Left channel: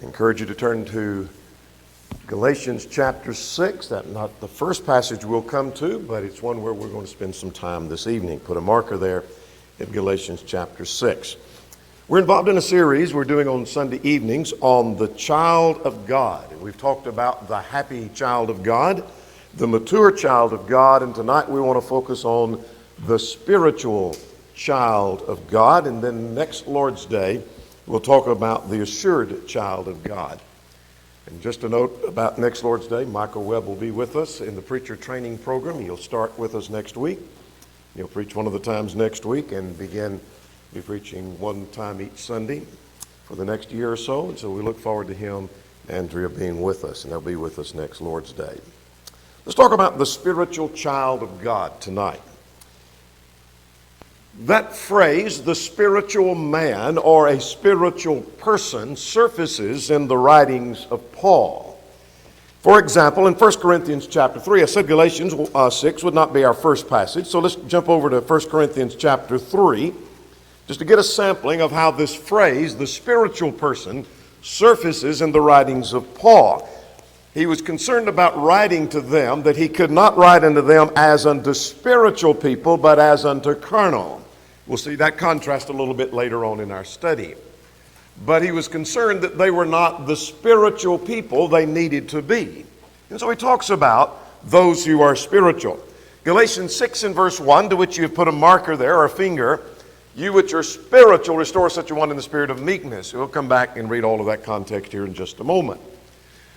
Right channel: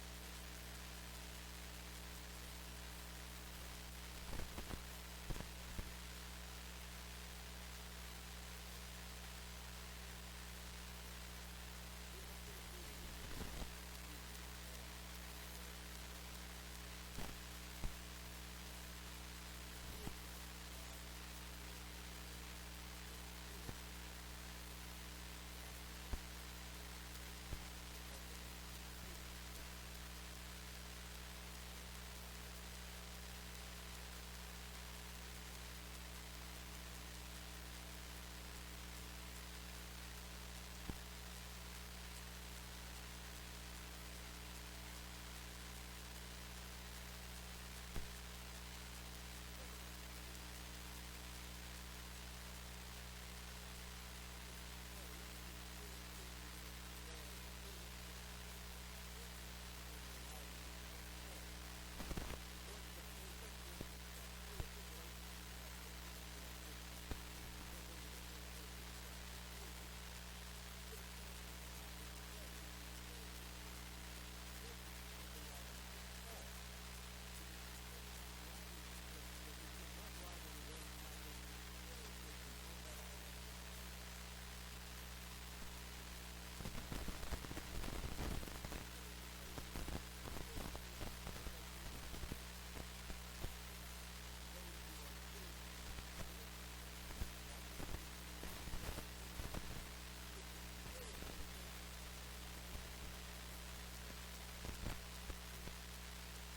I encourage you to turn to Galatians chapter 6. That's not the first passage we'll come to, but it's one where we're going to spend some time this evening. Put a marker there at Galatians chapter 6. We're involved in a series we're doing on Sunday evenings on the child of God. We've talked about the happy child of God, the mature child of God, and tonight we want to focus on the spiritual child of God, and then next Lord's Day we'll talk about the assured child of God. And just a note about next Lord's Day, Michael Webb will be with us in the preacher training program. He'll start with us next week. He'll preach one of the times next week and be preaching one time each Sunday for the next year or so. And so we look forward to him, Andrea, being with us, and they'll be with us next Lord's Day. Let's talk about the spiritual child of God tonight. That phrase, the spiritual man or a spiritual person, surfaces in the writings of Paul. For example, in 1 Corinthians chapter 3, I said Galatians 6 would not be our first passage, so let's jump over to 1 Corinthians chapter 3, just to get a sampling of how this phrase, the spiritual person, surfaces in the writings of Paul. He was concerned about writing to them that he could not write unto them as unto spiritual people, but as unto carnal. We'll see that contrast a little bit later on in our study. But he was concerned that they were not the spiritual people they needed to be. And so he talks about those who are spiritual. Galatians 6 and verse 1, to which you have put a marker there, or a finger, you which are spiritual, restore such a one in the spirit of meekness. We'll come back and read all of that context here in just a moment.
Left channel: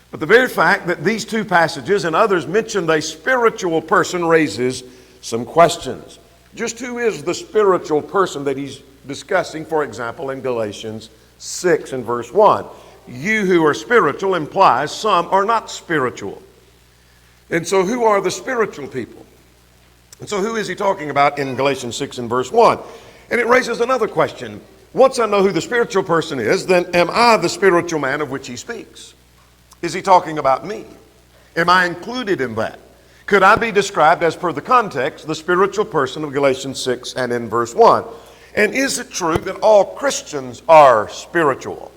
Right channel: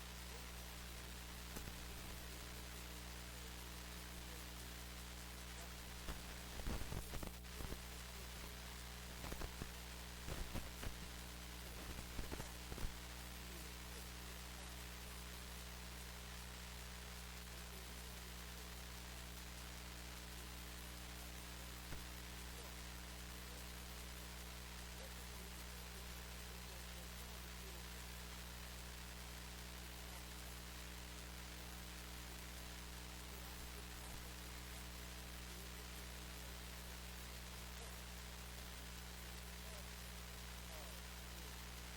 But the very fact that these two passages and others mentioned a spiritual person raises some questions. Just who is the spiritual person that he's discussing, for example, in Galatians 6 and verse 1? You who are spiritual implies some are not spiritual. And so who are the spiritual people? And so who is he talking about in Galatians 6 and verse 1? And it raises another question. Once I know who the spiritual person is, then am I the spiritual man of which he speaks? Is he talking about me? Am I included in that? Could I be described, as per the context, the spiritual person of Galatians 6 and in verse 1? And is it true that all Christians are spiritual?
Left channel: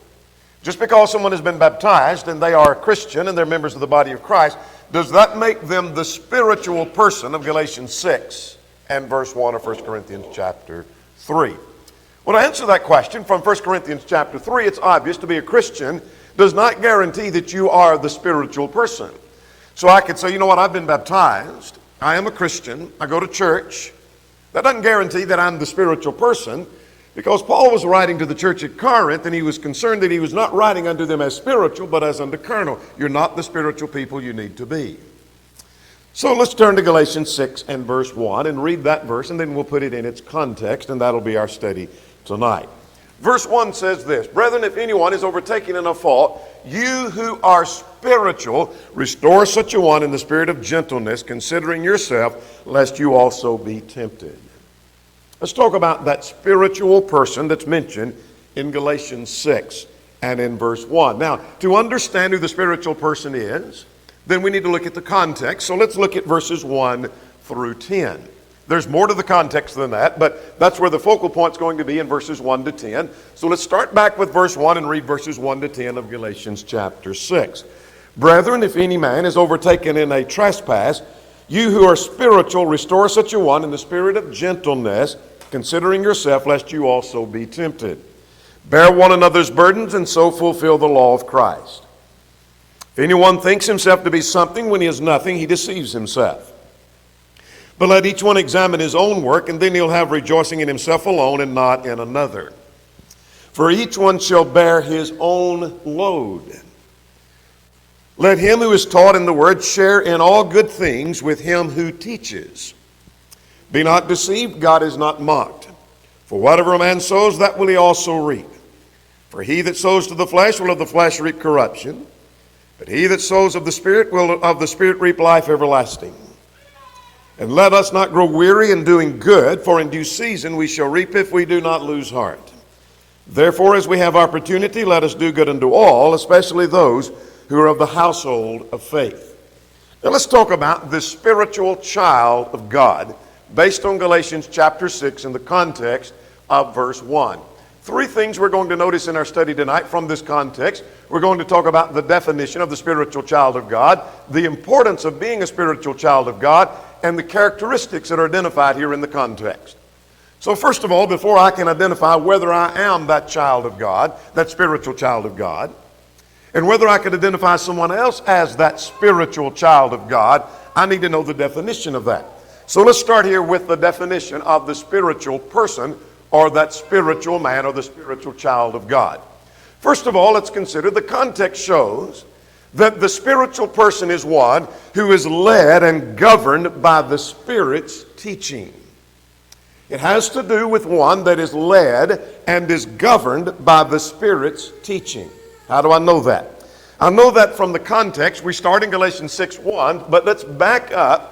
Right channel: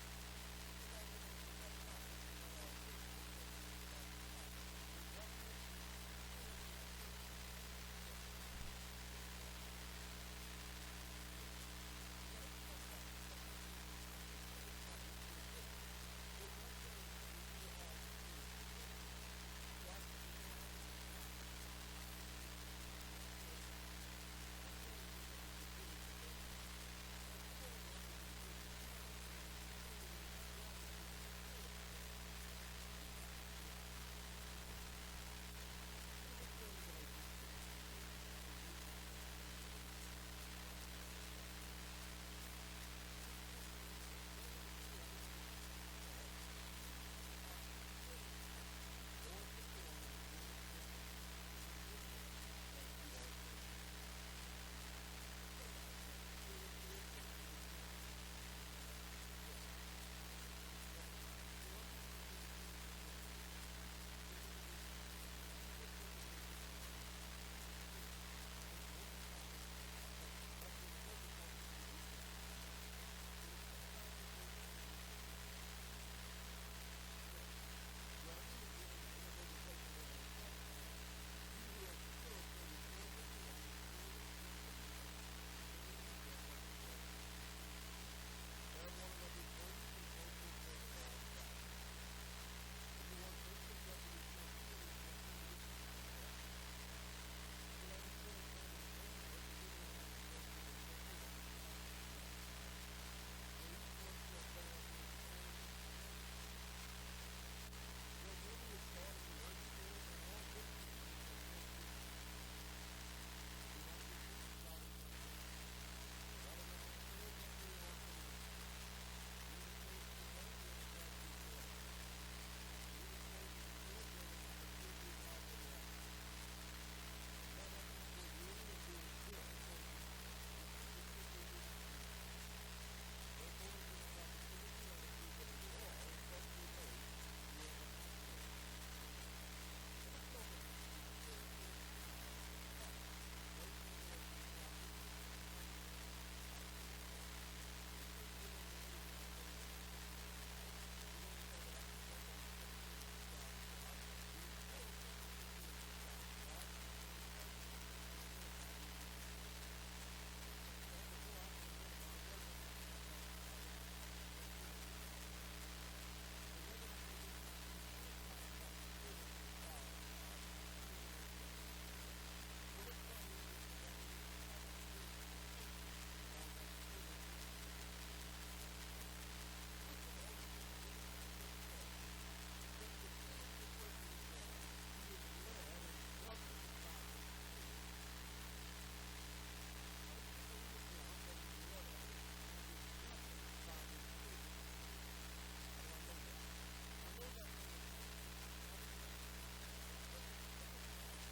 Just because someone has been baptized and they are a Christian and they're members of the body of Christ, does that make them the spiritual person of Galatians 6 and verse 1 of 1 Corinthians chapter 3? Well, to answer that question from 1 Corinthians chapter 3, it's obvious to be a Christian does not guarantee that you are the spiritual person. So I could say, you know what, I've been baptized, I am a Christian, I go to church. That doesn't guarantee that I'm the spiritual person, because Paul was writing to the church at Corinth, and he was concerned that he was not writing unto them as spiritual, but as unto carnal. You're not the spiritual people you need to be. So let's turn to Galatians 6 and verse 1 and read that verse, and then we'll put it in its context, and that'll be our study tonight. Verse 1 says this, Brethren, if anyone is overtaken in a fault, you who are spiritual, restore such a one in the spirit of gentleness, considering yourself, lest you also be tempted. Let's talk about that spiritual person that's mentioned in Galatians 6 and in verse 1. Now, to understand who the spiritual person is, then we need to look at the context. So let's look at verses 1 through 10. There's more to the context than that, but that's where the focal point's going to be in verses 1 to 10. So let's start back with verse 1 and read verses 1 to 10 of Galatians chapter 6. Brethren, if any man is overtaken in a trespass, you who are spiritual, restore such a one in the spirit of gentleness, considering yourself, lest you also be tempted. Bear one another's burdens, and so fulfill the law of Christ. If anyone thinks himself to be something when he is nothing, he deceives himself. But let each one examine his own work, and then he'll have rejoicing in himself alone and not in another. For each one shall bear his own load. Let him who is taught in the word share in all good things with him who teaches. Be not deceived, God is not mocked. For whatever a man sows, that will he also reap. For he that sows to the flesh will of the flesh reap corruption, but he that sows of the Spirit will of the Spirit reap life everlasting. And let us not grow weary in doing good, for in due season we shall reap if we do not lose heart. Therefore, as we have opportunity, let us do good unto all, especially those who are of the household of faith. Now let's talk about this spiritual child of God, based on Galatians chapter 6 in the context of verse 1. Three things we're going to notice in our study tonight from this context. We're going to talk about the definition of the spiritual child of God, the importance of being a spiritual child of God, and the characteristics that are identified here in the context. So first of all, before I can identify whether I am that child of God, that spiritual child of God, and whether I can identify someone else as that spiritual child of God, I need to know the definition of that. So let's start here with the definition of the spiritual person, or that spiritual man, or the spiritual child of God. First of all, let's consider the context shows that the spiritual person is one who is led and governed by the Spirit's teaching. It has to do with one that is led and is governed by the Spirit's teaching. How do I know that? I know that from the context. We start in Galatians 6:1, but let's back up.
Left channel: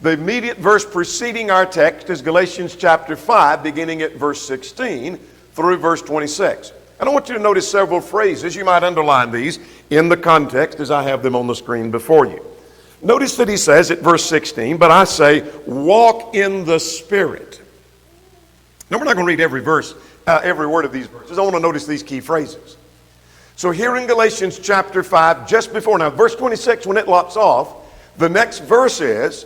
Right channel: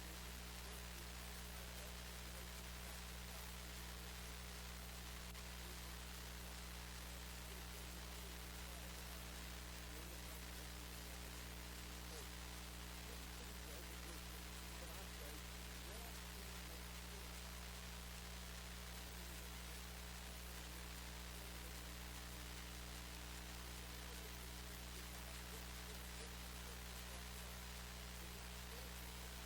The immediate verse preceding our text is Galatians chapter 5, beginning at verse 16 through verse 26. And I want you to notice several phrases. You might underline these in the context as I have them on the screen before you. Notice that he says at verse 16, but I say, walk in the Spirit. Now, we're not going to read every verse, every word of these verses. I want to notice these key phrases. So here in Galatians chapter 5, just before, now verse 26, when it lops off, the next verse is,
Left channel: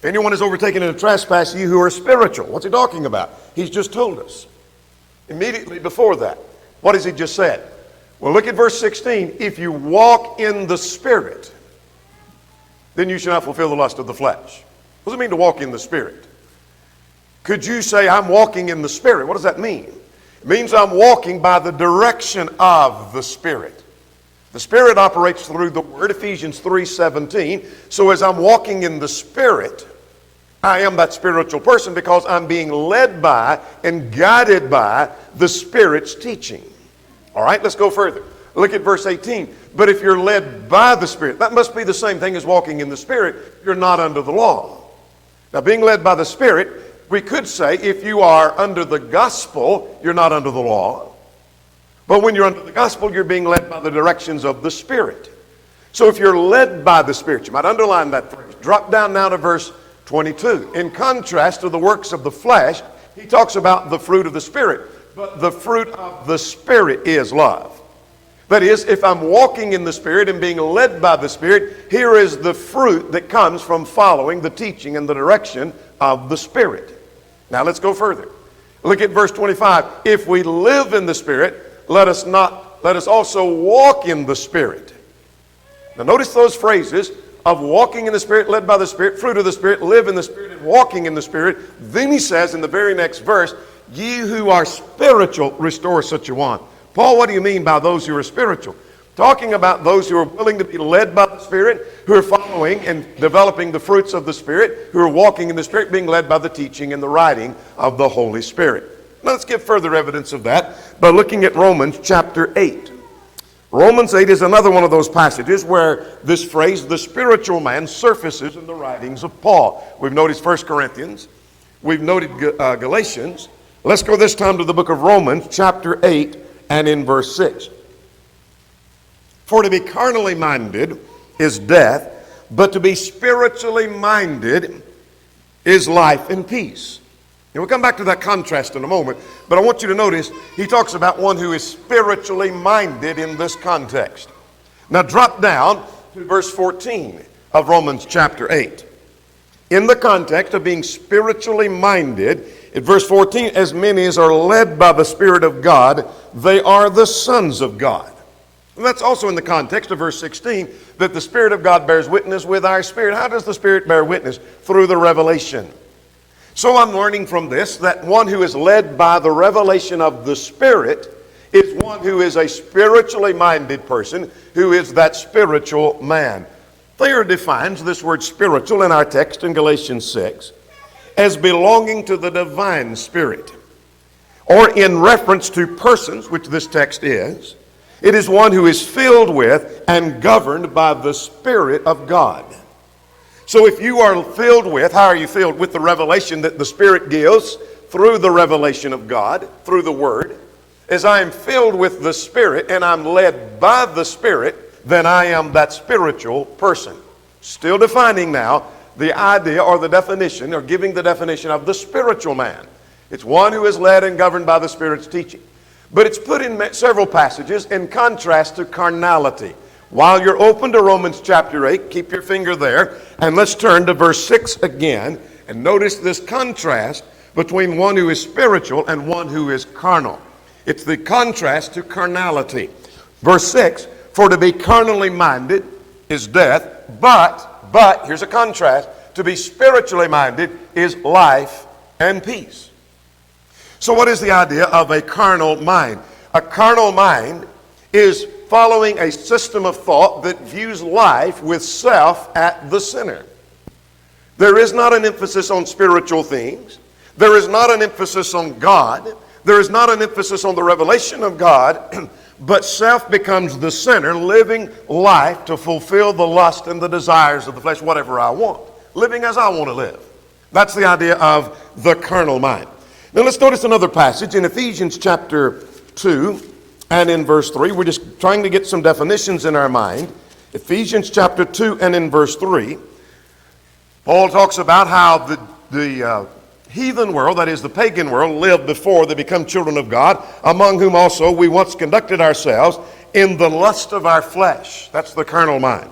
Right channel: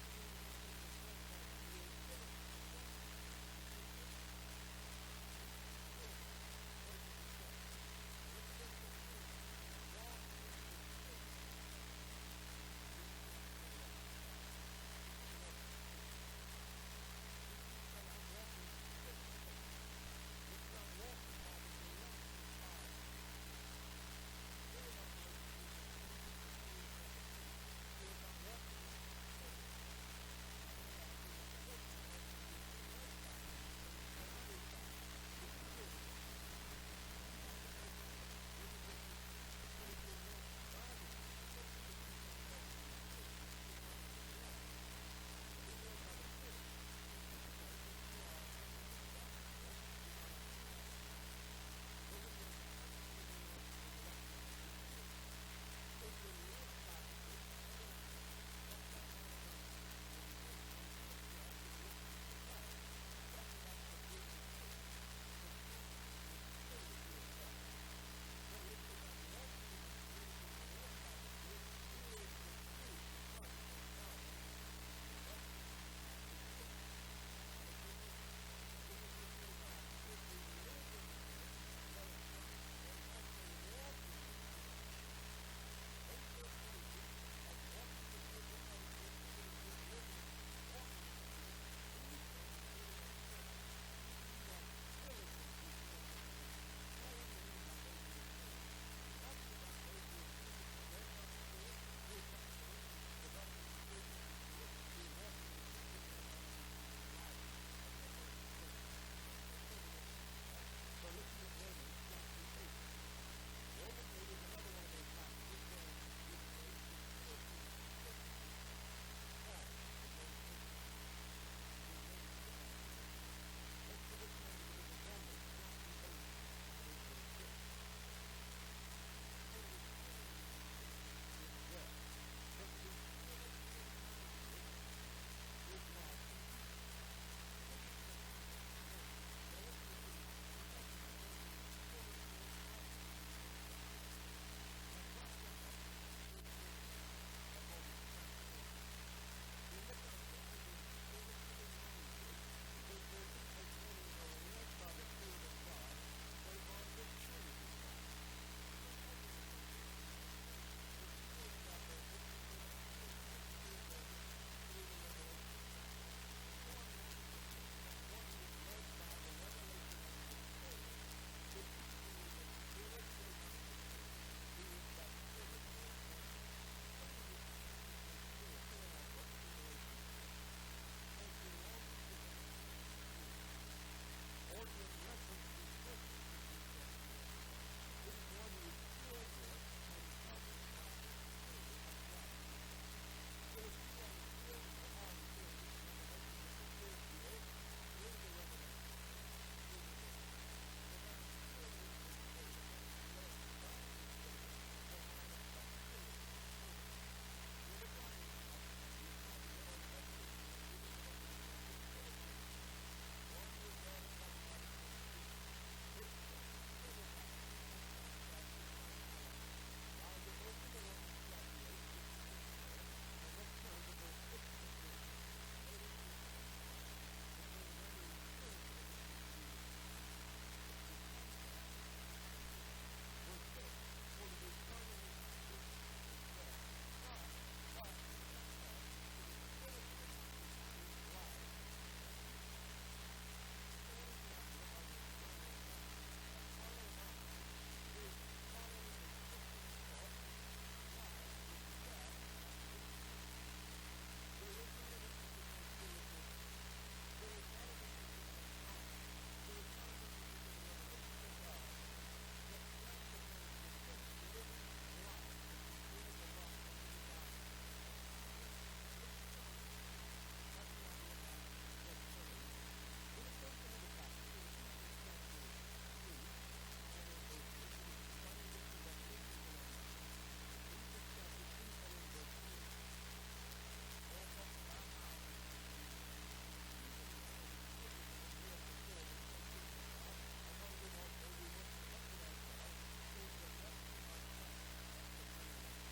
if anyone is overtaken in a trespass, you who are spiritual. What's he talking about? He's just told us. Immediately before that, what has he just said? Well, look at verse 16. If you walk in the Spirit, then you shall not fulfill the lust of the flesh. What does it mean to walk in the Spirit? Could you say, I'm walking in the Spirit? What does that mean? It means I'm walking by the direction of the Spirit. The Spirit operates through the Word, Ephesians 3:17. So as I'm walking in the Spirit, I am that spiritual person because I'm being led by and guided by the Spirit's teaching. All right, let's go further. Look at verse 18. But if you're led by the Spirit, that must be the same thing as walking in the Spirit. You're not under the law. Now, being led by the Spirit, we could say if you are under the gospel, you're not under the law. But when you're under the gospel, you're being led by the directions of the Spirit. So if you're led by the Spirit, you might underline that phrase. Drop down now to verse 22. In contrast to the works of the flesh, he talks about the fruit of the Spirit. But the fruit of the Spirit is love. That is, if I'm walking in the Spirit and being led by the Spirit, here is the fruit that comes from following the teaching and the direction of the Spirit. Now let's go further. Look at verse 25. If we live in the Spirit, let us also walk in the Spirit. Now notice those phrases of walking in the Spirit, led by the Spirit, fruit of the Spirit, live in the Spirit, and walking in the Spirit. Then he says in the very next verse, ye who are spiritual, restore such a one. Paul, what do you mean by those who are spiritual? Talking about those who are willing to be led by the Spirit, who are following and developing the fruits of the Spirit, who are walking in the Spirit, being led by the teaching and the writing of the Holy Spirit. Now let's give further evidence of that by looking at Romans chapter 8. Romans 8 is another one of those passages where this phrase, the spiritual man, surfaces in the writings of Paul. We've noticed 1 Corinthians. We've noted Galatians. Let's go this time to the book of Romans, chapter 8, and in verse 6. For to be carnally minded is death, but to be spiritually minded is life and peace. And we'll come back to that contrast in a moment, but I want you to notice he talks about one who is spiritually minded in this context. Now drop down to verse 14 of Romans chapter 8. In the context of being spiritually minded, at verse 14, as many as are led by the Spirit of God, they are the sons of God. And that's also in the context of verse 16, that the Spirit of God bears witness with our spirit. How does the Spirit bear witness? Through the revelation. So I'm learning from this that one who is led by the revelation of the Spirit is one who is a spiritually minded person, who is that spiritual man. Thayer defines this word spiritual in our text in Galatians 6 as belonging to the divine Spirit, or in reference to persons, which this text is. It is one who is filled with and governed by the Spirit of God. So if you are filled with, how are you filled? With the revelation that the Spirit gives through the revelation of God, through the Word. As I am filled with the Spirit and I'm led by the Spirit, then I am that spiritual person. Still defining now the idea or the definition, or giving the definition of the spiritual man. It's one who is led and governed by the Spirit's teaching. But it's put in several passages in contrast to carnality. While you're open to Romans chapter 8, keep your finger there, and let's turn to verse 6 again, and notice this contrast between one who is spiritual and one who is carnal. It's the contrast to carnality. Verse 6, for to be carnally minded is death, but, here's a contrast, to be spiritually minded is life and peace. So what is the idea of a carnal mind? A carnal mind is following a system of thought that views life with self at the center. There is not an emphasis on spiritual things. There is not an emphasis on God. There is not an emphasis on the revelation of God, but self becomes the center, living life to fulfill the lust and the desires of the flesh, whatever I want, living as I want to live. That's the idea of the carnal mind. Now let's notice another passage in Ephesians chapter 2 and in verse 3. We're just trying to get some definitions in our mind. Ephesians chapter 2 and in verse 3, Paul talks about how the heathen world, that is the pagan world, lived before they become children of God, among whom also we once conducted ourselves in the lust of our flesh. That's the carnal mind.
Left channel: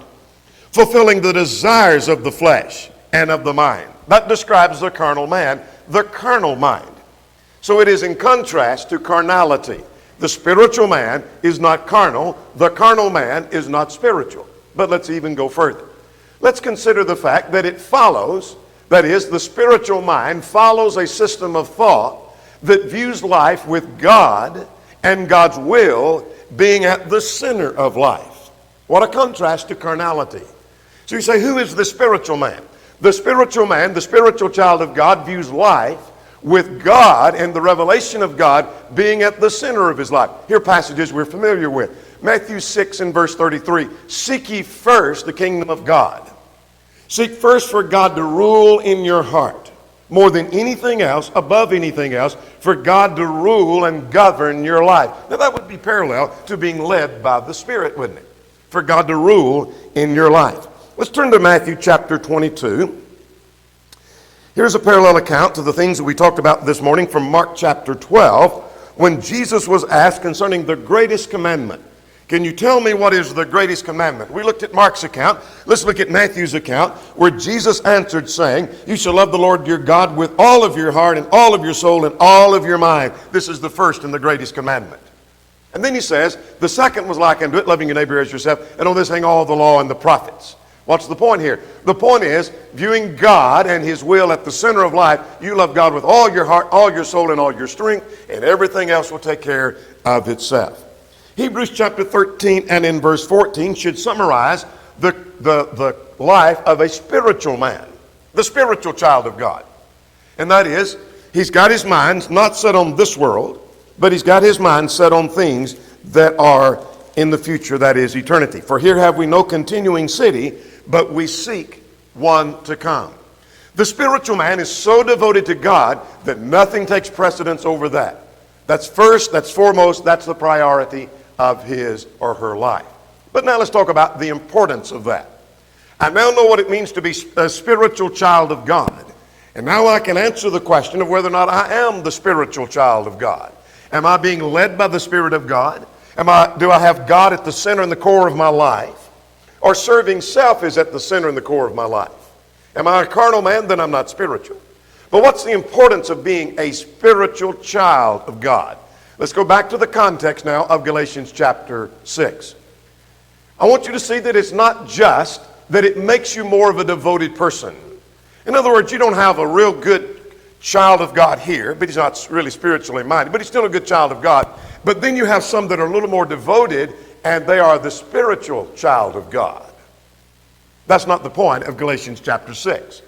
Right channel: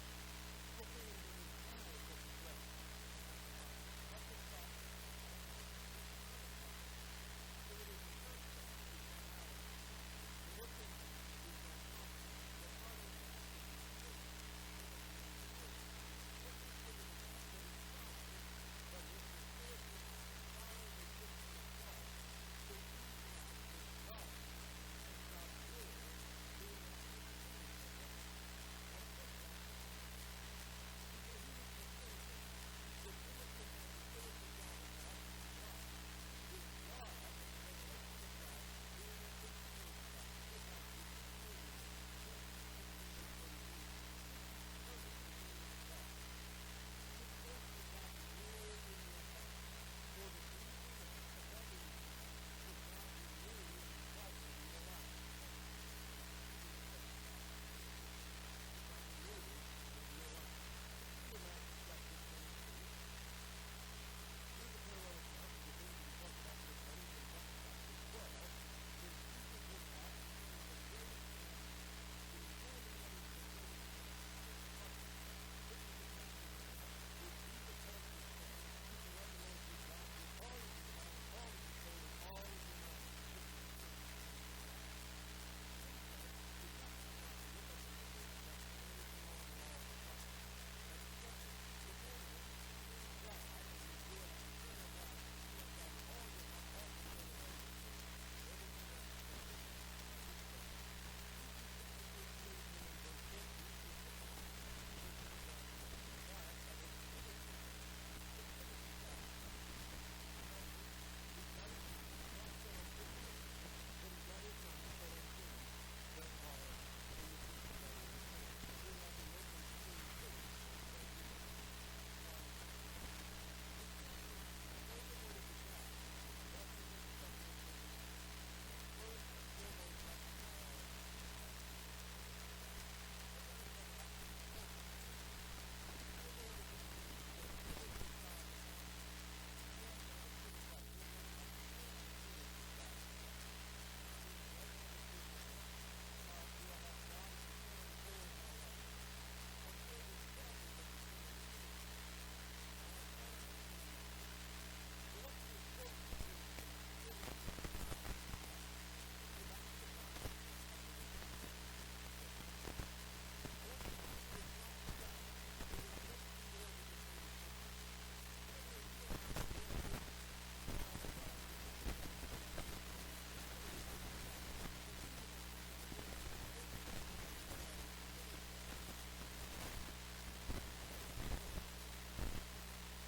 Fulfilling the desires of the flesh and of the mind. That describes the carnal man, the carnal mind. So it is in contrast to carnality. The spiritual man is not carnal. The carnal man is not spiritual. But let's even go further. Let's consider the fact that it follows, that is, the spiritual mind follows a system of thought that views life with God and God's will being at the center of life. What a contrast to carnality. So you say, who is the spiritual man? The spiritual man, the spiritual child of God, views life with God and the revelation of God being at the center of his life. Here are passages we're familiar with. Matthew 6 and verse 33. Seek ye first the kingdom of God. Seek first for God to rule in your heart. More than anything else, above anything else, for God to rule and govern your life. Now that would be parallel to being led by the Spirit, wouldn't it? For God to rule in your life. Let's turn to Matthew chapter 22. Here's a parallel account to the things that we talked about this morning from Mark chapter 12, when Jesus was asked concerning the greatest commandment. Can you tell me what is the greatest commandment? We looked at Mark's account. Let's look at Matthew's account, where Jesus answered saying, you shall love the Lord your God with all of your heart and all of your soul and all of your mind. This is the first and the greatest commandment. And then he says, the second was like unto it, loving your neighbor as yourself, and on this hang all the law and the prophets. What's the point here? The point is, viewing God and his will at the center of life, you love God with all your heart, all your soul, and all your strength, and everything else will take care of itself. Hebrews chapter 13 and in verse 14 should summarize the life of a spiritual man, the spiritual child of God. And that is, he's got his mind not set on this world, but he's got his mind set on things that are in the future, that is eternity. For here have we no continuing city, but we seek one to come. The spiritual man is so devoted to God that nothing takes precedence over that. That's first, that's foremost, that's the priority of his or her life. But now let's talk about the importance of that. I now know what it means to be a spiritual child of God. And now I can answer the question of whether or not I am the spiritual child of God. Am I being led by the Spirit of God? Do I have God at the center and the core of my life? Or serving self is at the center and the core of my life? Am I a carnal man? Then I'm not spiritual. But what's the importance of being a spiritual child of God? Let's go back to the context now of Galatians chapter 6. I want you to see that it's not just that it makes you more of a devoted person. In other words, you don't have a real good child of God here, but he's not really spiritually minded, but he's still a good child of God. But then you have some that are a little more devoted, and they are the spiritual child of God. That's not the point of Galatians chapter 6.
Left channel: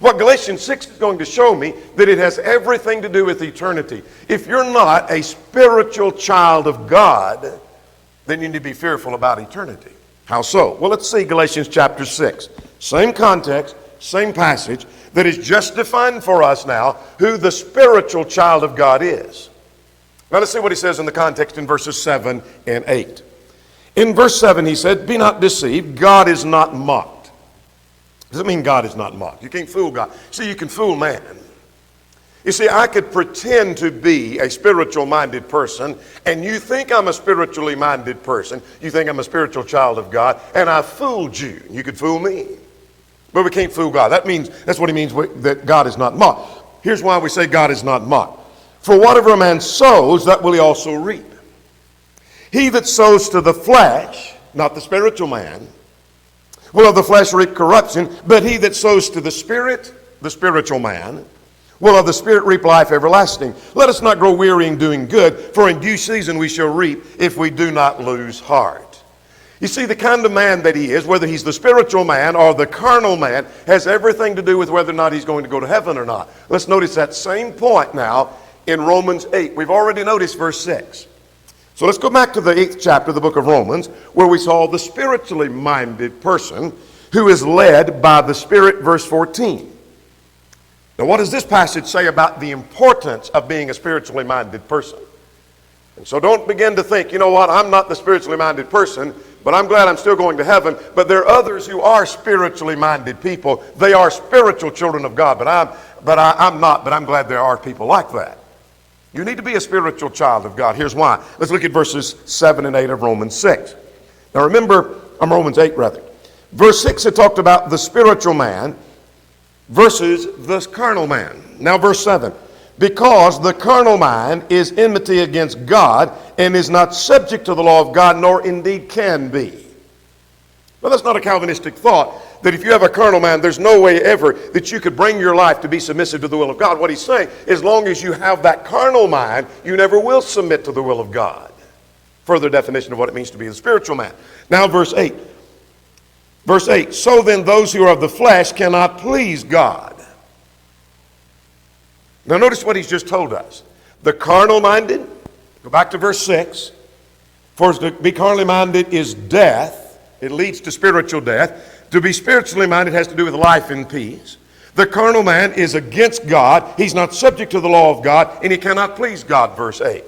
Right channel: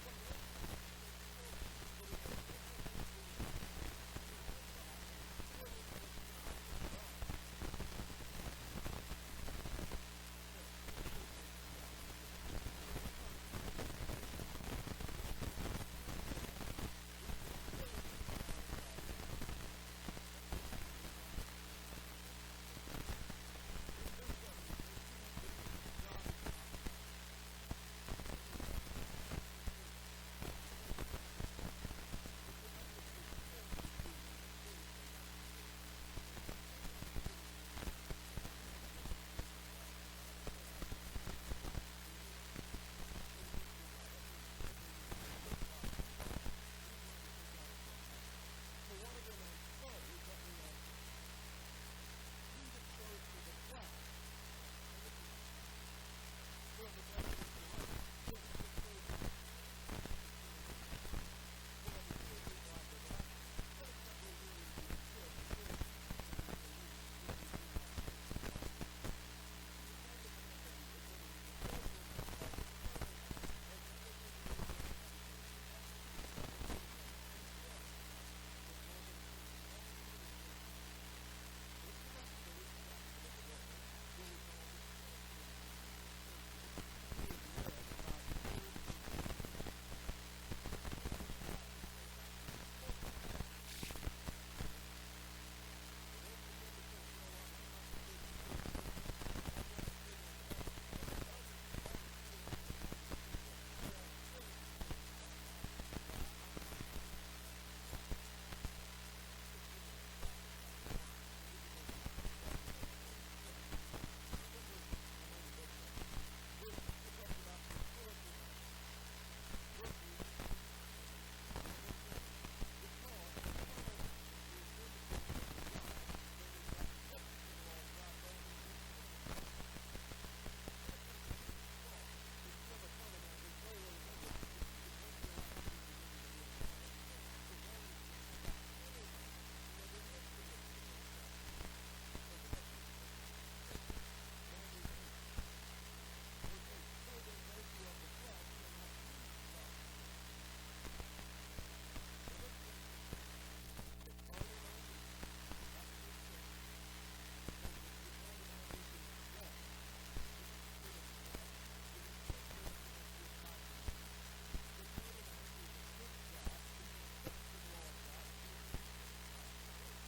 What Galatians 6 is going to show me, that it has everything to do with eternity. If you're not a spiritual child of God, then you need to be fearful about eternity. How so? Well, let's see Galatians chapter 6. Same context, same passage, that is just defined for us now who the spiritual child of God is. Now let's see what he says in the context in verses 7 and 8. In verse 7 he said, be not deceived, God is not mocked. Does it mean God is not mocked? You can't fool God. See, you can fool man. You see, I could pretend to be a spiritual-minded person, and you think I'm a spiritually minded person. You think I'm a spiritual child of God, and I fooled you. You could fool me. But we can't fool God. That's what he means, that God is not mocked. Here's why we say God is not mocked. For whatever a man sows, that will he also reap. He that sows to the flesh, not the spiritual man, will of the flesh reap corruption, but he that sows to the Spirit, the spiritual man, will of the Spirit reap life everlasting. Let us not grow weary in doing good, for in due season we shall reap if we do not lose heart. You see, the kind of man that he is, whether he's the spiritual man or the carnal man, has everything to do with whether or not he's going to go to heaven or not. Let's notice that same point now in Romans 8. We've already noticed verse 6. So let's go back to the 8th chapter of the book of Romans, where we saw the spiritually minded person who is led by the Spirit, verse 14. Now, what does this passage say about the importance of being a spiritually minded person? And so don't begin to think, you know what, I'm not the spiritually minded person, but I'm glad I'm still going to heaven. But there are others who are spiritually minded people. They are spiritual children of God, but I'm not, but I'm glad there are people like that. You need to be a spiritual child of God. Here's why. Let's look at verses 7 and 8 of Romans 6. Now remember, Romans 8 rather. Verse 6, it talked about the spiritual man versus the carnal man. Now verse 7, because the carnal mind is enmity against God and is not subject to the law of God, nor indeed can be. Well, that's not a Calvinistic thought, that if you have a carnal mind, there's no way ever that you could bring your life to be submissive to the will of God. What he's saying, as long as you have that carnal mind, you never will submit to the will of God. Further definition of what it means to be a spiritual man. Now verse 8. Verse 8, so then those who are of the flesh cannot please God. Now notice what he's just told us. The carnal minded, go back to verse 6, for to be carnally minded is death. It leads to spiritual death. To be spiritually minded has to do with life and peace. The carnal man is against God. He's not subject to the law of God, and he cannot please God, verse 8.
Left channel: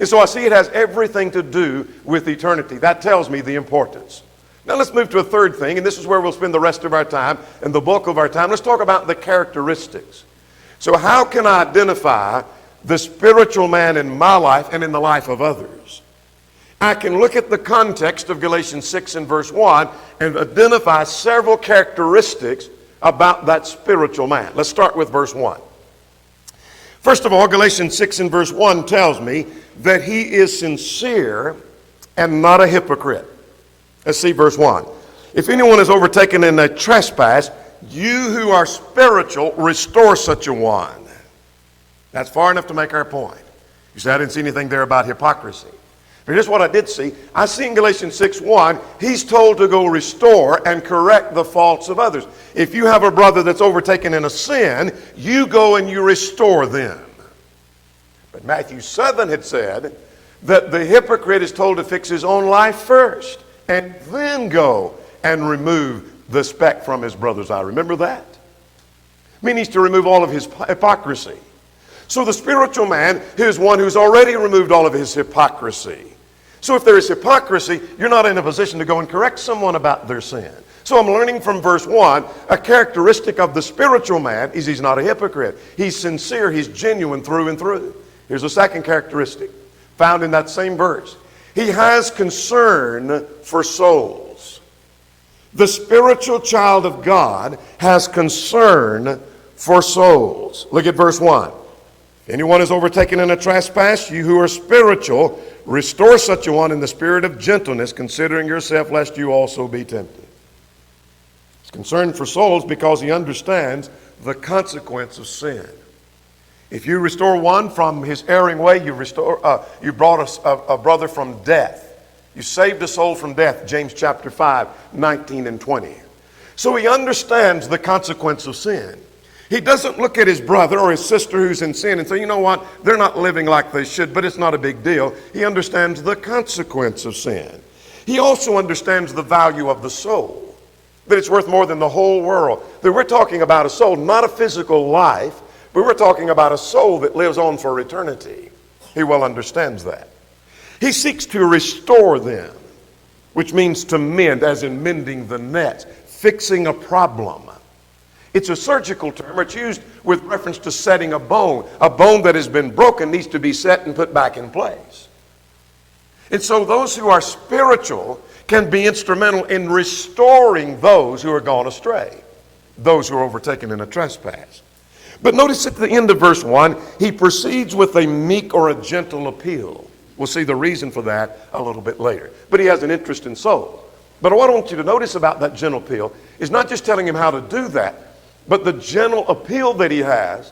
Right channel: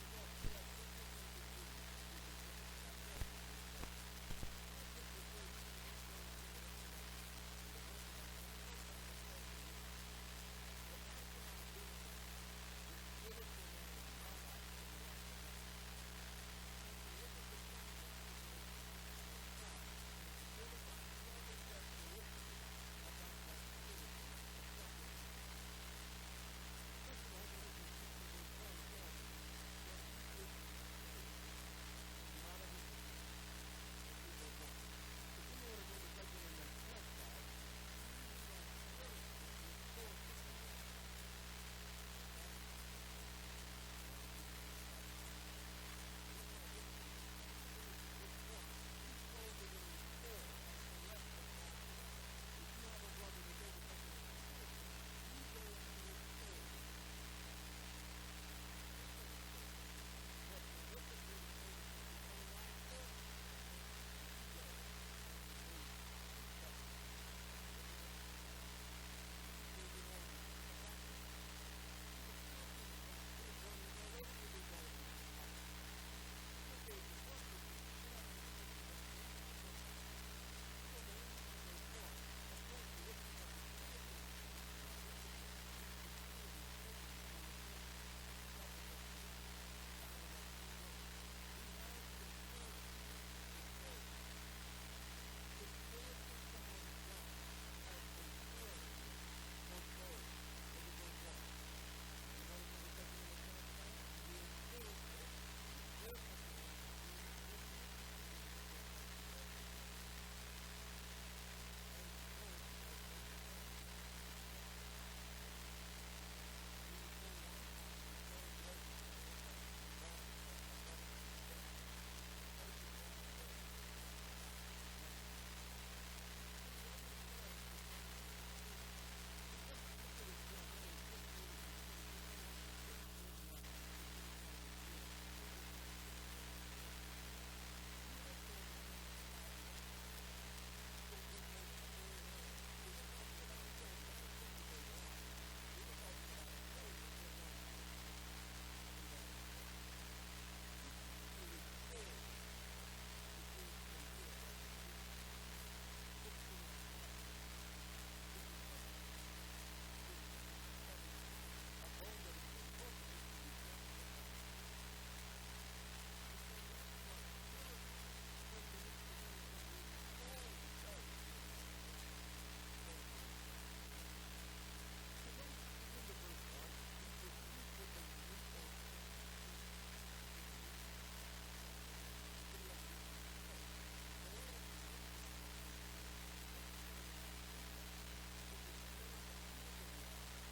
And so I see it has everything to do with eternity. That tells me the importance. Now let's move to a third thing, and this is where we'll spend the rest of our time and the bulk of our time. Let's talk about the characteristics. So how can I identify the spiritual man in my life and in the life of others? I can look at the context of Galatians 6 and verse 1 and identify several characteristics about that spiritual man. Let's start with verse 1. First of all, Galatians 6 and verse 1 tells me that he is sincere and not a hypocrite. Let's see verse 1. If anyone is overtaken in a trespass, you who are spiritual, restore such a one. That's far enough to make our point. You say, I didn't see anything there about hypocrisy. But here's what I did see. I see in Galatians 6:1, he's told to go restore and correct the faults of others. If you have a brother that's overtaken in a sin, you go and you restore them. But Matthew 7 had said that the hypocrite is told to fix his own life first, and then go and remove the speck from his brother's eye. Remember that? I mean, he's to remove all of his hypocrisy. So the spiritual man is one who's already removed all of his hypocrisy. So if there is hypocrisy, you're not in a position to go and correct someone about their sin. So I'm learning from verse 1, a characteristic of the spiritual man is he's not a hypocrite. He's sincere, he's genuine through and through. Here's a second characteristic found in that same verse. He has concern for souls. The spiritual child of God has concern for souls. Look at verse 1. Anyone is overtaken in a trespass, you who are spiritual, restore such a one in the spirit of gentleness, considering yourself, lest you also be tempted. He's concerned for souls because he understands the consequence of sin. If you restore one from his erring way, you brought a brother from death. You saved a soul from death, James chapter 5, 19 and 20. So he understands the consequence of sin. He doesn't look at his brother or his sister who's in sin and say, you know what, they're not living like they should, but it's not a big deal. He understands the consequence of sin. He also understands the value of the soul, that it's worth more than the whole world. That we're talking about a soul, not a physical life, but we're talking about a soul that lives on for eternity. He well understands that. He seeks to restore them, which means to mend, as in mending the nets, fixing a problem. It's a surgical term. It's used with reference to setting a bone. A bone that has been broken needs to be set and put back in place. And so those who are spiritual can be instrumental in restoring those who are gone astray, those who are overtaken in a trespass. But notice at the end of verse 1, he proceeds with a meek or a gentle appeal. We'll see the reason for that a little bit later. But he has an interest in soul. But what I want you to notice about that gentle appeal is not just telling him how to do that, but the gentle appeal that he has,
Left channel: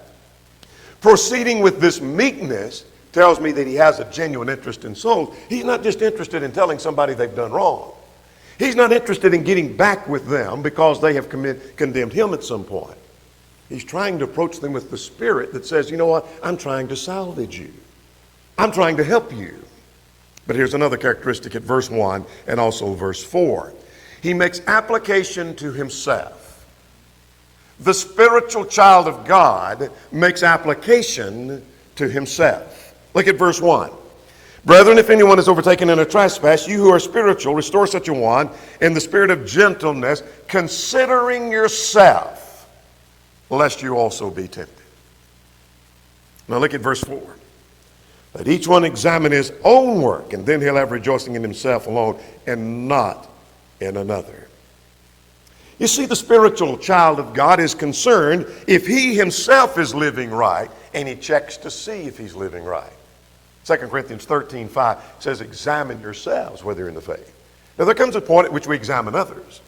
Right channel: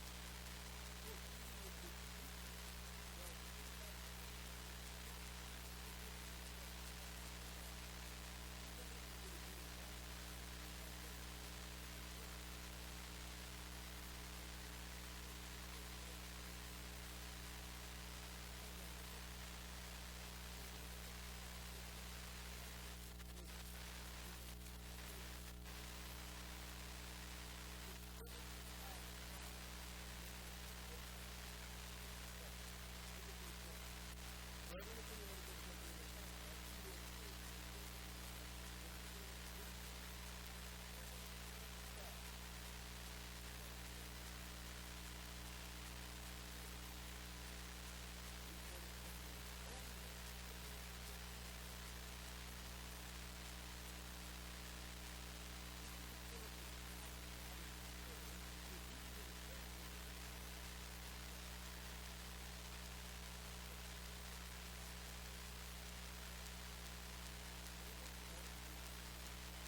proceeding with this meekness, tells me that he has a genuine interest in souls. He's not just interested in telling somebody they've done wrong. He's not interested in getting back with them because they have condemned him at some point. He's trying to approach them with the spirit that says, you know what, I'm trying to salvage you. I'm trying to help you. But here's another characteristic at verse 1 and also verse 4. He makes application to himself. The spiritual child of God makes application to himself. Look at verse 1. Brethren, if anyone is overtaken in a trespass, you who are spiritual, restore such a one in the spirit of gentleness, considering yourself, lest you also be tempted. Now look at verse 4. Let each one examine his own work, and then he'll have rejoicing in himself alone and not in another. You see, the spiritual child of God is concerned if he himself is living right, and he checks to see if he's living right. 2 Corinthians 13:5 says, examine yourselves whether you're in the faith. Now there comes a point at which we examine others.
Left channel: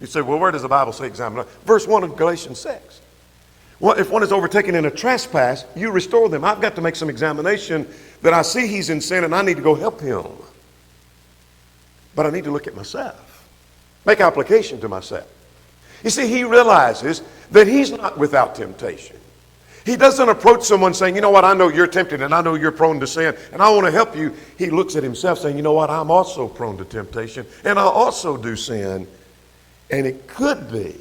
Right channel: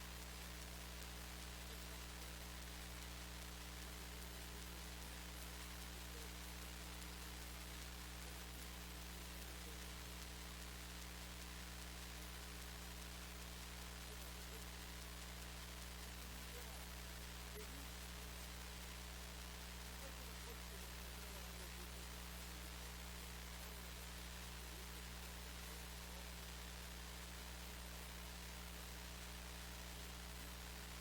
You say, well, where does the Bible say examine others? Verse 1 of Galatians 6. Well, if one is overtaken in a trespass, you restore them. I've got to make some examination that I see he's in sin and I need to go help him. But I need to look at myself. Make application to myself. You see, he realizes that he's not without temptation. He doesn't approach someone saying, you know what, I know you're tempted and I know you're prone to sin and I want to help you. He looks at himself saying, you know what, I'm also prone to temptation and I also do sin. And it could be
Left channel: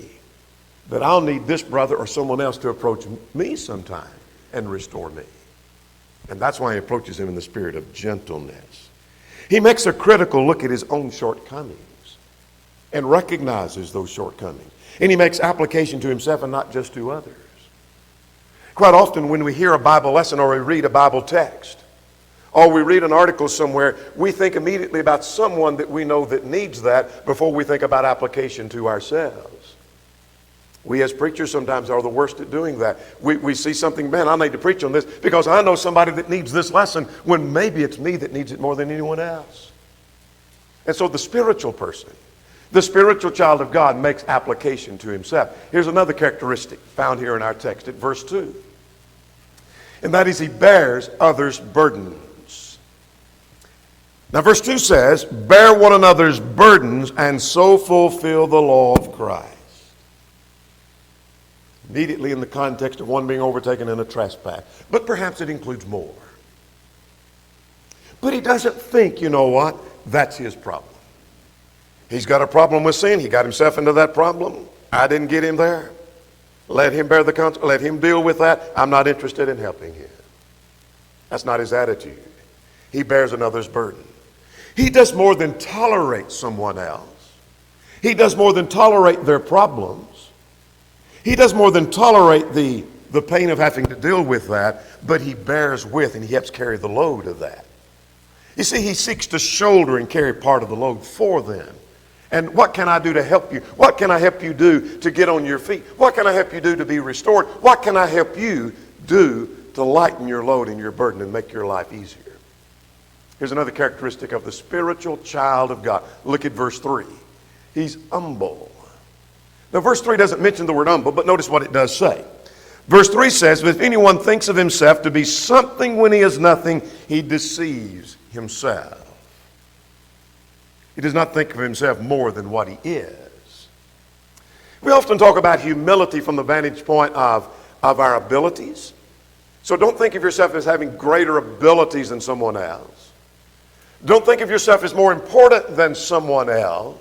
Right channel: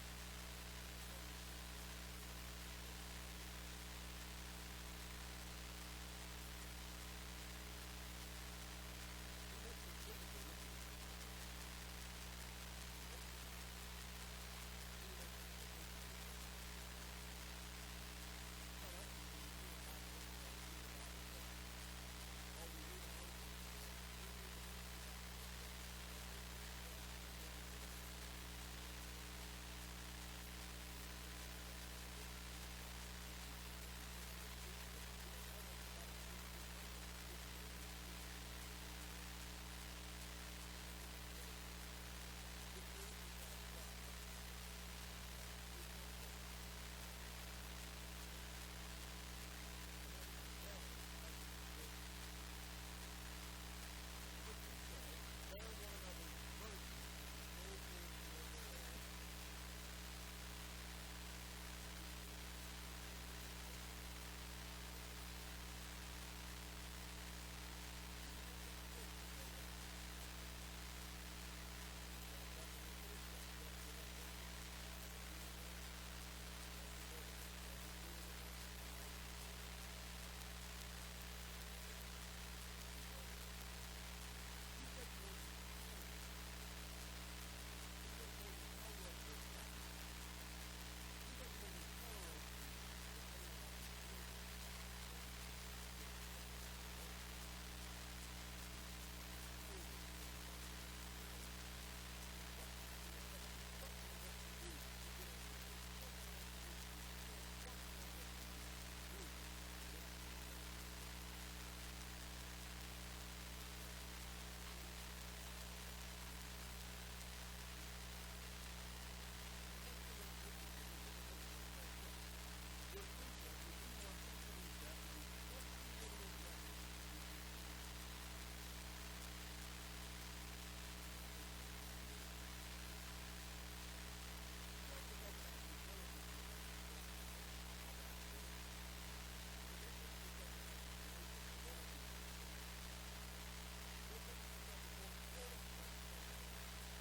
that I'll need this brother or someone else to approach me sometime and restore me. And that's why he approaches him in the spirit of gentleness. He makes a critical look at his own shortcomings and recognizes those shortcomings. And he makes application to himself and not just to others. Quite often when we hear a Bible lesson or we read a Bible text or we read an article somewhere, we think immediately about someone that we know that needs that before we think about application to ourselves. We as preachers sometimes are the worst at doing that. We see something, man, I need to preach on this because I know somebody that needs this lesson when maybe it's me that needs it more than anyone else. And so the spiritual person, the spiritual child of God makes application to himself. Here's another characteristic found here in our text at verse 2. And that is he bears others' burdens. Now verse 2 says, bear one another's burdens and so fulfill the law of Christ. Immediately in the context of one being overtaken in a trespass. But perhaps it includes more. But he doesn't think, you know what, that's his problem. He's got a problem with sin. He got himself into that problem. I didn't get him there. Let him bear the consequence. Let him deal with that. I'm not interested in helping him. That's not his attitude. He bears another's burden. He does more than tolerate someone else. He does more than tolerate their problems. He does more than tolerate the pain of having to deal with that, but he bears with and he helps carry the load of that. You see, he seeks to shoulder and carry part of the load for them. And what can I do to help you? What can I help you do to get on your feet? What can I help you do to be restored? What can I help you do to lighten your load and your burden and make your life easier? Here's another characteristic of the spiritual child of God. Look at verse 3. He's humble. Now, verse 3 doesn't mention the word humble, but notice what it does say. Verse 3 says, if anyone thinks of himself to be something when he is nothing, he deceives himself. He does not think of himself more than what he is. We often talk about humility from the vantage point of our abilities. So don't think of yourself as having greater abilities than someone else. Don't think of yourself as more important than someone else.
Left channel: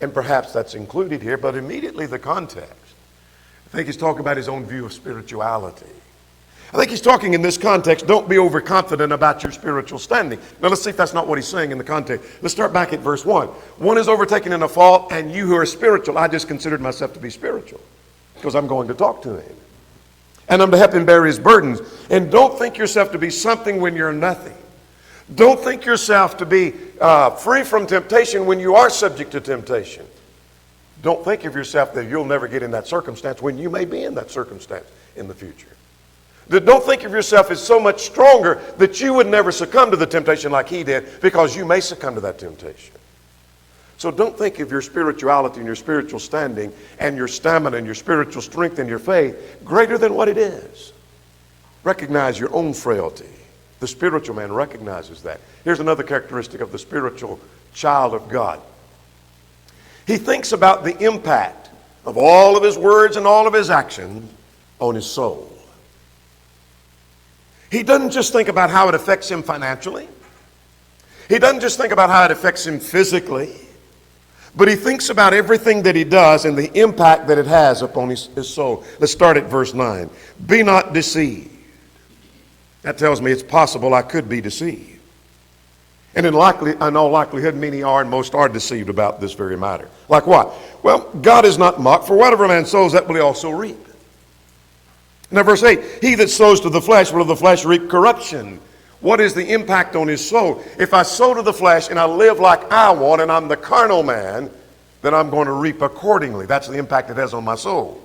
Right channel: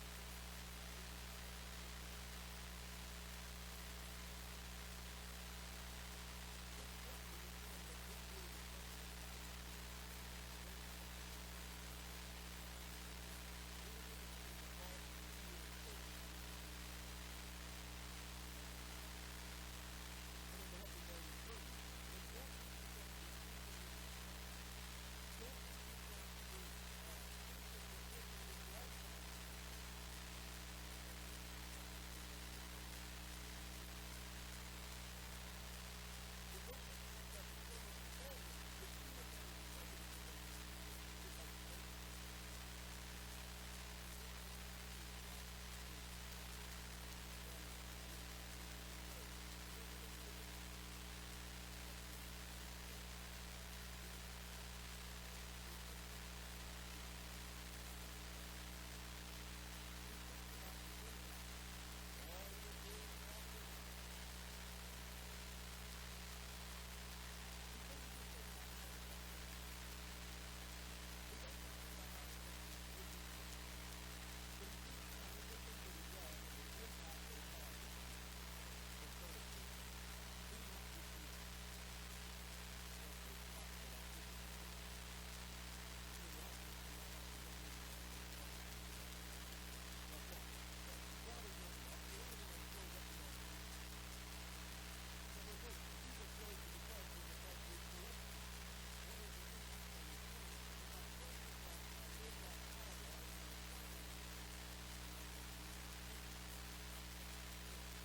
And perhaps that's included here, but immediately the context, I think he's talking about his own view of spirituality. I think he's talking in this context, don't be overconfident about your spiritual standing. Now let's see if that's not what he's saying in the context. Let's start back at verse 1. One is overtaken in a fault, and you who are spiritual, I just considered myself to be spiritual because I'm going to talk to him. And I'm to help him bear his burdens. And don't think yourself to be something when you're nothing. Don't think yourself to be free from temptation when you are subject to temptation. Don't think of yourself that you'll never get in that circumstance when you may be in that circumstance in the future. Don't think of yourself as so much stronger that you would never succumb to the temptation like he did, because you may succumb to that temptation. So don't think of your spirituality and your spiritual standing and your stamina and your spiritual strength and your faith greater than what it is. Recognize your own frailty. The spiritual man recognizes that. Here's another characteristic of the spiritual child of God. He thinks about the impact of all of his words and all of his action on his soul. He doesn't just think about how it affects him financially. He doesn't just think about how it affects him physically. But he thinks about everything that he does and the impact that it has upon his soul. Let's start at verse 9. Be not deceived. That tells me it's possible I could be deceived. And in all likelihood, many are and most are deceived about this very matter. Like what? Well, God is not mocked, for whatever a man sows, that will he also reap. Now verse 8, he that sows to the flesh will of the flesh reap corruption. What is the impact on his soul? If I sow to the flesh and I live like I want and I'm the carnal man, then I'm going to reap accordingly. That's the impact it has on my soul.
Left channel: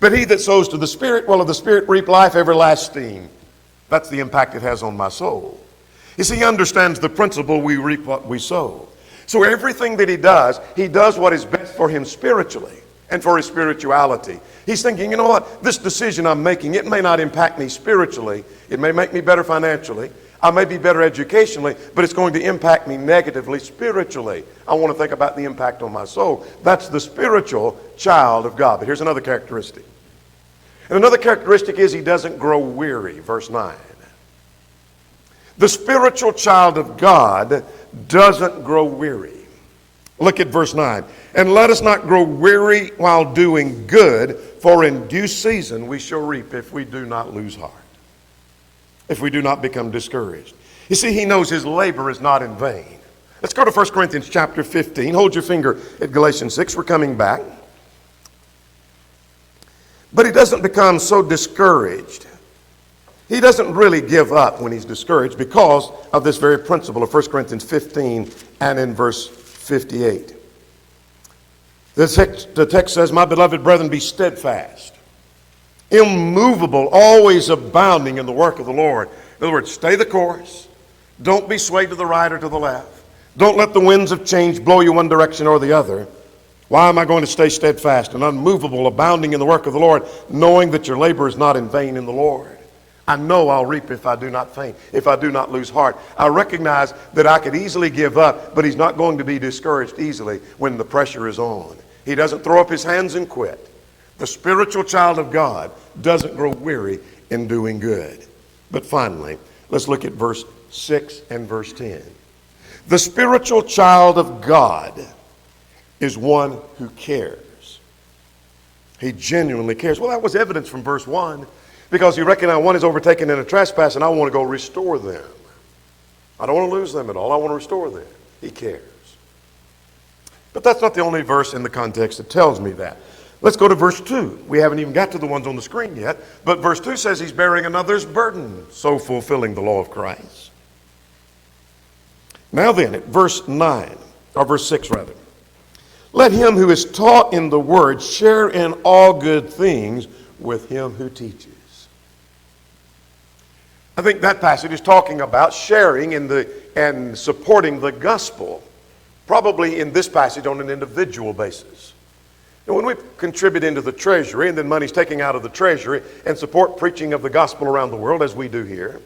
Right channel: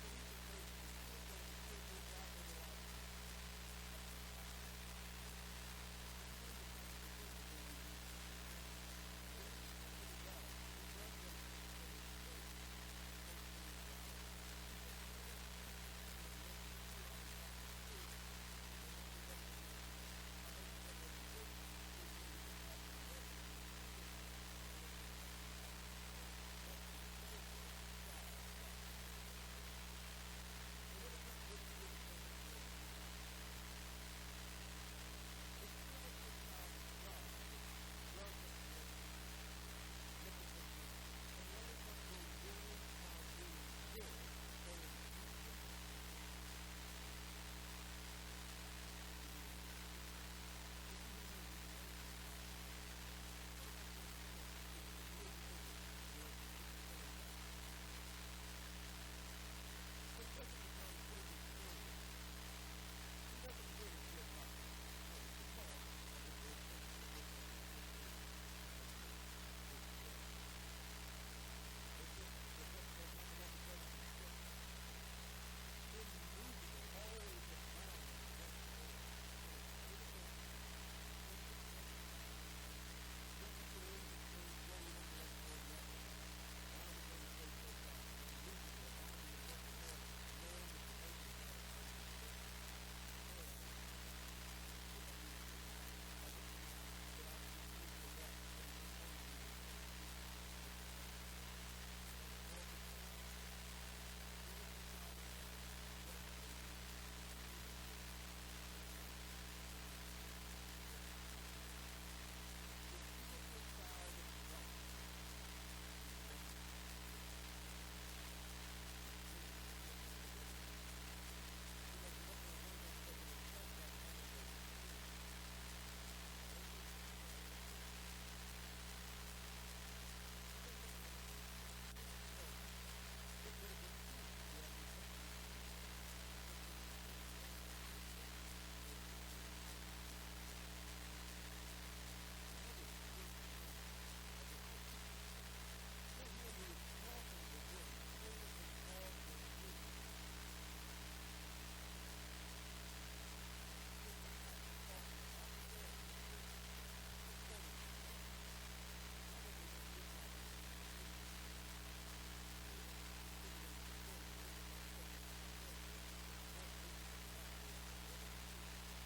But he that sows to the Spirit will of the Spirit reap life everlasting. That's the impact it has on my soul. You see, he understands the principle, we reap what we sow. So everything that he does what is best for him spiritually and for his spirituality. He's thinking, you know what, this decision I'm making, it may not impact me spiritually. It may make me better financially. I may be better educationally, but it's going to impact me negatively spiritually. I want to think about the impact on my soul. That's the spiritual child of God. But here's another characteristic. And another characteristic is he doesn't grow weary. Verse 9. The spiritual child of God doesn't grow weary. Look at verse 9. And let us not grow weary while doing good, for in due season we shall reap if we do not lose heart, if we do not become discouraged. You see, he knows his labor is not in vain. Let's go to 1 Corinthians chapter 15. Hold your finger at Galatians 6. We're coming back. But he doesn't become so discouraged. He doesn't really give up when he's discouraged because of this very principle of 1 Corinthians 15 and in verse 58. The text says, my beloved brethren, be steadfast, immovable, always abounding in the work of the Lord. In other words, stay the course. Don't be swayed to the right or to the left. Don't let the winds of change blow you one direction or the other. Why am I going to stay steadfast and unmovable, abounding in the work of the Lord, knowing that your labor is not in vain in the Lord? I know I'll reap if I do not faint, if I do not lose heart. I recognize that I could easily give up, but he's not going to be discouraged easily when the pressure is on. He doesn't throw up his hands and quit. The spiritual child of God doesn't grow weary in doing good. But finally, let's look at verse 6 and verse 10. The spiritual child of God is one who cares. He genuinely cares. Well, that was evidence from verse 1, because he recognized one is overtaken in a trespass and I want to go restore them. I don't want to lose them at all. I want to restore them. He cares. But that's not the only verse in the context that tells me that. Let's go to verse 2. We haven't even got to the ones on the screen yet, but verse 2 says he's bearing another's burden, so fulfilling the law of Christ. Now then, at verse 9, or verse 6 rather, let him who is taught in the word share in all good things with him who teaches. I think that passage is talking about sharing in and supporting the gospel, probably in this passage on an individual basis. And when we contribute into the treasury and then money's taken out of the treasury and support preaching of the gospel around the world as we do here,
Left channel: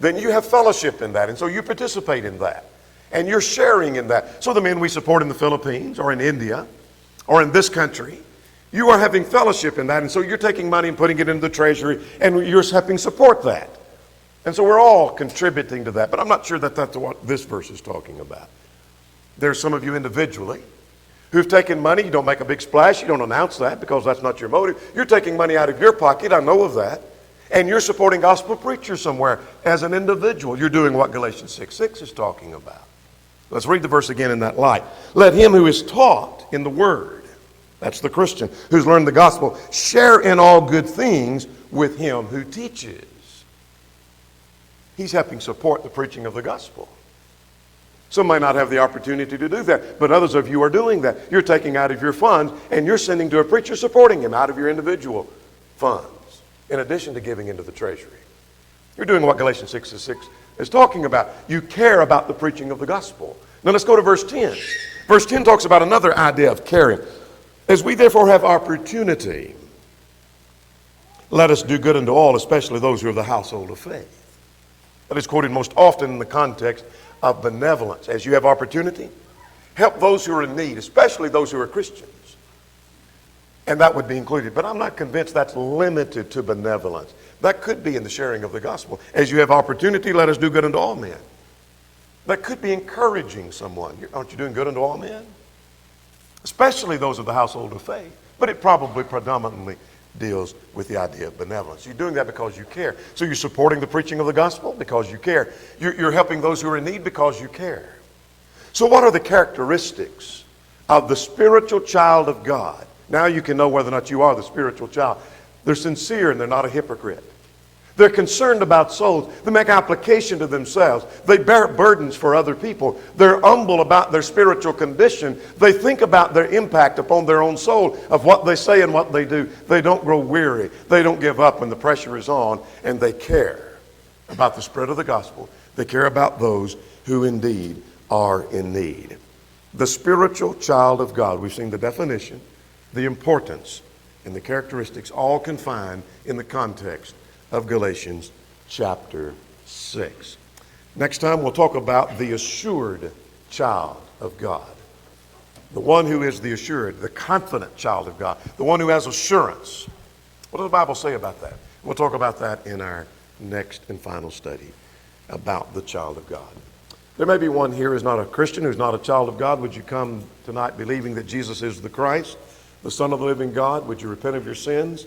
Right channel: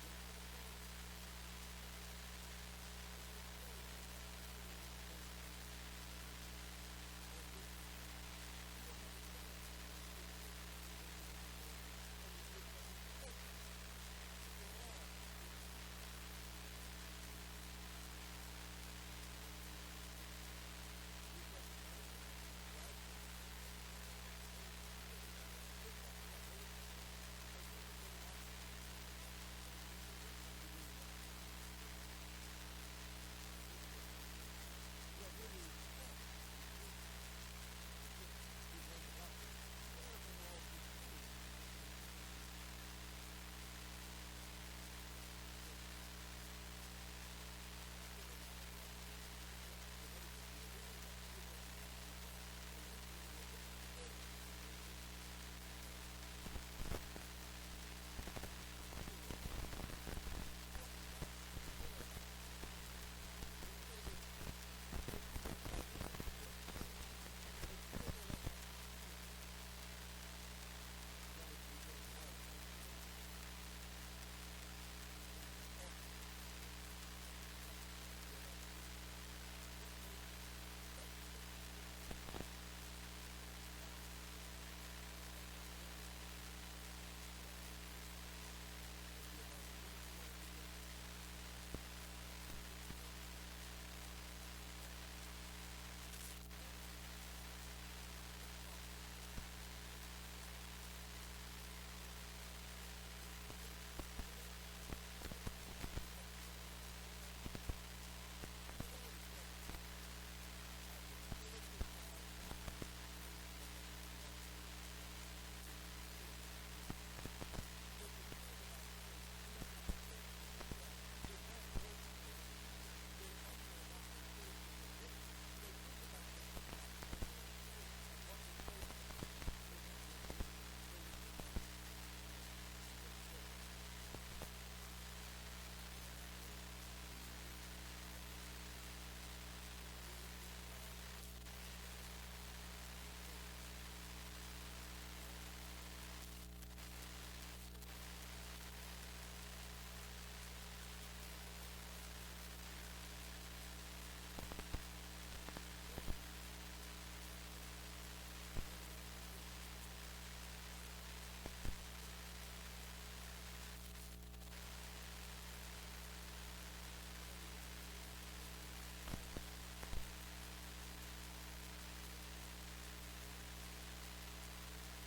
then you have fellowship in that. And so you participate in that. And you're sharing in that. So the men we support in the Philippines or in India or in this country, you are having fellowship in that. And so you're taking money and putting it into the treasury and you're helping support that. And so we're all contributing to that. But I'm not sure that that's what this verse is talking about. There's some of you individually who've taken money. You don't make a big splash. You don't announce that because that's not your motive. You're taking money out of your pocket. I know of that. and you're supporting gospel preachers somewhere as an individual, you're doing what Galatians 6:6 is talking about. Let's read the verse again in that light. Let him who is taught in the word, that's the Christian, who's learned the gospel, share in all good things with him who teaches. He's helping support the preaching of the gospel. Some may not have the opportunity to do that, but others of you are doing that. You're taking out of your funds and you're sending to a preacher supporting him out of your individual funds, in addition to giving into the treasury. You're doing what Galatians 6:6 is talking about. You care about the preaching of the gospel. Now let's go to verse 10. Verse 10 talks about another idea of caring. As we therefore have opportunity, let us do good unto all, especially those who are of the household of faith. That is quoted most often in the context of benevolence. As you have opportunity, help those who are in need, especially those who are Christians. And that would be included. But I'm not convinced that's limited to benevolence. That could be in the sharing of the gospel. As you have opportunity, let us do good unto all men. That could be encouraging someone. Aren't you doing good unto all men? Especially those of the household of faith. But it probably predominantly deals with the idea of benevolence. You're doing that because you care. So you're supporting the preaching of the gospel because you care. You're helping those who are in need because you care. So what are the characteristics of the spiritual child of God? Now you can know whether or not you are the spiritual child. They're sincere and they're not a hypocrite. They're concerned about souls. They make application to themselves. They bear burdens for other people. They're humble about their spiritual condition. They think about their impact upon their own soul of what they say and what they do. They don't grow weary. They don't give up when the pressure is on, and they care about the spread of the gospel. They care about those who indeed are in need. The spiritual child of God. We've seen the definition, the importance, and the characteristics all confined in the context of Galatians chapter 6. Next time we'll talk about the assured child of God. The one who is the assured, the confident child of God. The one who has assurance. What does the Bible say about that? We'll talk about that in our next and final study about the child of God. There may be one here who's not a Christian, who's not a child of God. Would you come tonight believing that Jesus is the Christ, the Son of the living God? Would you repent of your sins,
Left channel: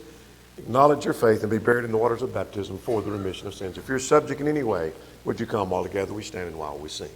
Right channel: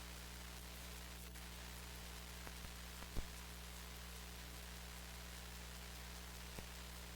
acknowledge your faith, and be buried in the waters of baptism for the remission of sins? If you're subject in any way, would you come while together we stand and while we sing?